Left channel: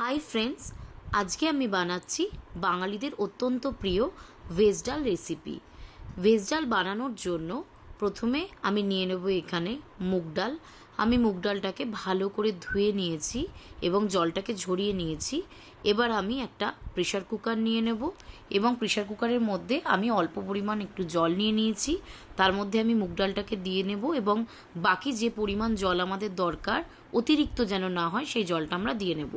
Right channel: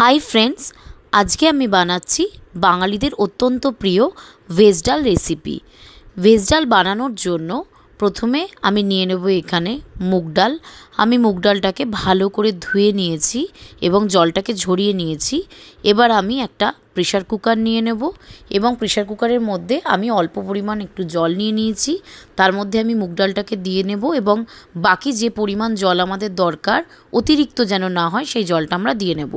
Hi friends, আজকে আমি বানাচ্ছি বাঙালিদের অত্যন্ত প্রিয় ভেজ ডাল রেসিপি। ভেজ ডাল বানানোর জন্য প্রথমে আমি নিয়ে নেব এখানে মুগ ডাল। আমি মুগ ডালটাকে ভালো করে ধুয়ে নিয়েছি এবং জলটাকে ঝরিয়ে নিয়েছি। এবার আমি একটা প্রেশার কুকার নিয়ে নেব এবং প্রেশার কুকারের মধ্যে আমি অল্প পরিমাণ একটু জল নিয়ে নিয়েছি। তার মধ্যে আমি মুগ ডালটাকে দিয়ে নেব এবং বাকি যে পরিমাণ জল আমাদের দরকার, অতিরিক্ত যেন না হয়, সেই জলটা আমরা দিয়ে নেব।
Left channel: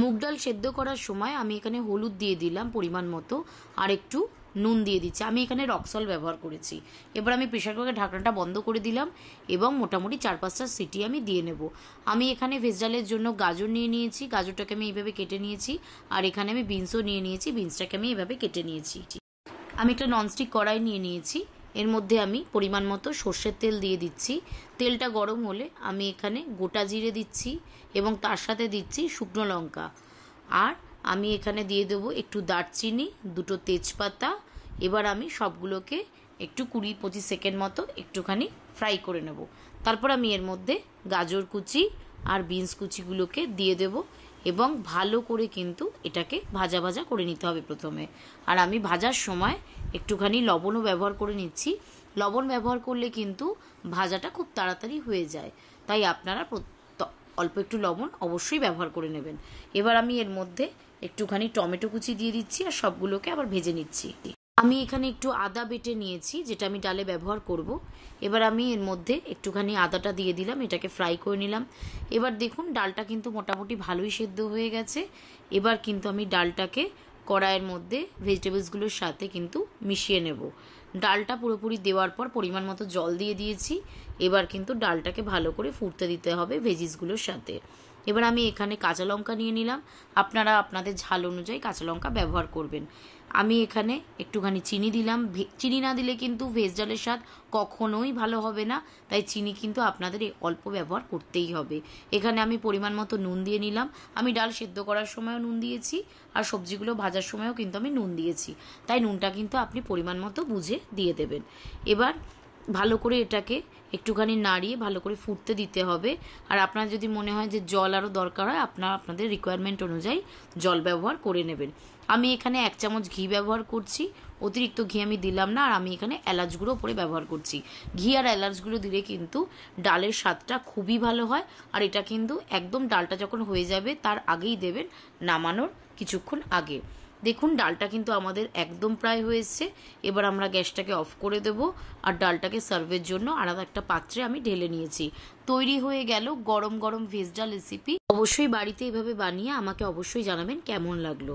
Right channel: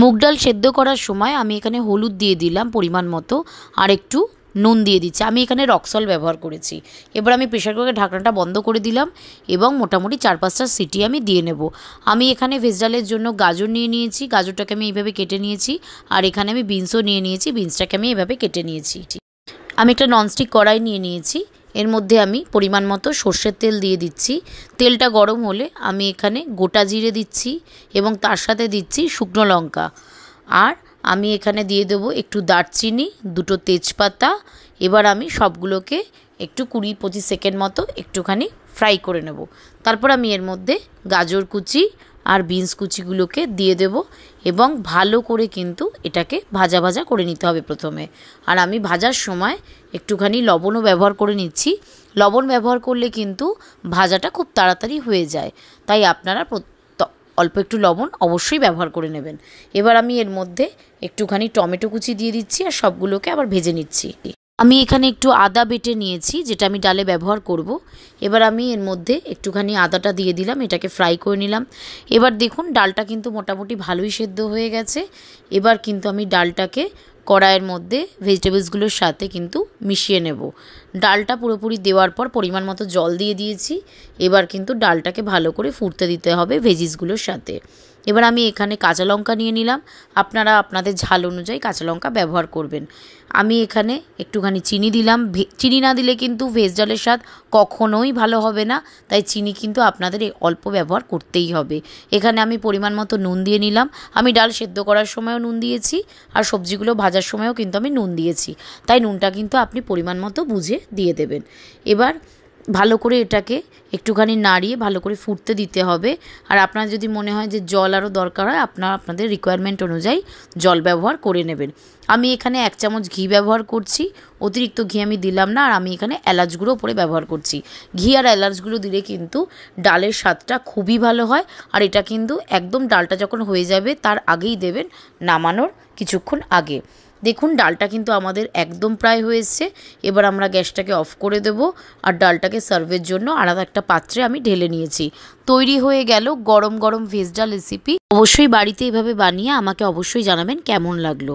মুগ ডাল সেদ্ধ করার সময় আমি এখানে হলুদ দিয়ে দিলাম পরিমাণ মতো, আর একটু নুন দিয়ে দিচ্ছি। আমি এখানে রক সল্ট ব্যবহার করেছি। এবার আমি প্রেশার কুকারের ঢাকনাটা বন্ধ করে দিলাম এবং মোটামুটি 4-5টা সিটি আমি দিয়ে নেব। আমি এখানে ভেজ ডালের জন্য গাজর নিয়ে নিয়েছি, গাজরটাকে আমি এইভাবে কেটে নিয়েছি। আর এখানে আমি বিনসও নিয়ে নিয়েছি, বিনসটাকে আমি এভাবে কেটে নিয়েছি। আমি একটা ননস্টিক কড়াই নিয়ে নিয়েছি, এর মধ্যে আমি পরিমাণ মতো সর্ষের তেল দিয়ে দিচ্ছি। তেলটা গরম হলে আমি এখানে গোটা জিরে দিচ্ছি এবং তার সাথে দিচ্ছি শুকনো লঙ্কা। আর আমি এখানে দিয়ে দেবো একটু দারচিনি, 2টো তেজপাতা। এবার আমি সবগুলোকে একটু 20-25 সেকেন্ড মতো একটুখানি ফ্রাই করে নেব। তারপর আমি এর মধ্যে গাজর কুচি আর বিনস কুচিগুলোকে দিয়ে দেব এবং ভালো করে কিন্তু এটাকে ভাজা ভাজা করে নিতে হবে প্রথমে। আর আমি ভাজার সময় একটুখানি লবণও ব্যবহার করে নিচ্ছি। লবণ ব্যবহার করলে কিন্তু ভাজাটা খুব তাড়াতাড়ি হয়ে যায়, তাই আপনারা অল্প একটু লবণ অবশ্যই ব্যবহার করে নেবেন। এবার আমি এর মধ্যে একটুখানি টমেটো কুচি দিয়ে দিচ্ছি আর সবগুলোকে আবার ভেজে নিচ্ছি। আমি এখানে একটু আদা বেটে নিয়েছি, যেটা আমি ডালে ব্যবহার করব। এবার আমি এর মধ্যে একটুখানি আদাটা দিয়ে দিলাম, এটাকে ফ্রাই করে নিলাম। এবার দেখুন ডালটা কিন্তু মোটামুটি ভালোই সেদ্ধ হয়ে গেছে। এবার কিন্তু আমি ডালটাকে কড়াইয়ের মধ্যে ভেজিটেবলসগুলোর সাথে কিন্তু মিশিয়ে নেব। ডালটা পুরোপুরি দেওয়ার পর পরিমাণ মতো জল দিয়ে দিয়েছি। এবার কিন্তু ডালটাকে ভালো করে ফুটতে দিতে হবে ভেজিসগুলোর সাথে। এবার আমি এখানে কাঁচা লঙ্কা নিয়ে নিলাম, আপনারা আপনাদের ঝাল অনুযায়ী কাঁচা লঙ্কা ব্যবহার করবেন। আমি এখানে একটুখানি চিনি দিলাম। চিনি না দিলে কিন্তু ভেজ ডালের স্বাদ কখনোই ভালো হবে না, তাই চিনি কিন্তু আপনাদের অল্প ব্যবহার করতেই হবে। এখানে আমি পরিমাণ মতো নুন দিয়ে নিলাম। আমি ডাল সেদ্ধ করার সময়ও নুন দিয়েছি আর সবজিগুলো ভাজার সময়ও কিন্তু আমি নুন দিয়েছি, তাই নুনটা কিন্তু আপনি পরিমাণ মতো বুঝে দিয়ে দেবেন। এবার ভালো করে এটাকে একটুখানি নাড়িয়ে ভালো করে ফুটতে দিতে হবে। আর আপনার যদি মনে হয় যে জল আরও দরকার হয়, আপনাদের রিকোয়ারমেন্ট অনুযায়ী জল ব্যবহার করে নেবেন। আমি এখানে 1 চামচ ঘি ব্যবহার করছি, অতিরিক্ত ঘি আমি দিলাম না। আর আমি এখানে এলাচ গুঁড়ো উপরে ব্যবহার করছি। ঘি আর এলাচ গুঁড়ো দিলে কিন্তু ডালের স্বাদটা খুবই ভালো হয়। আর এটা কিন্তু একদম ডালটা যখন হয়ে যাবে তার আগেই দেবেন, নামানোর কিছুক্ষণ আগে। দেখুন ডালটা কিন্তু আমাদের একদম প্রায় হয়ে এসছে। এবার আমরা গ্যাসটাকে অফ করে দেব আর ডালটাকে সার্ভের জন্য আলাদা একটা পাত্রে আমি ঢেলে নিয়েছি। তৈরি হয়ে গেল গরম গরম ভেজ ডাল রেসিপি। অবশ্যই বাড়িতে এভাবে বানিয়ে আমাকে অবশ্যই জানাবেন কেমন লাগলো।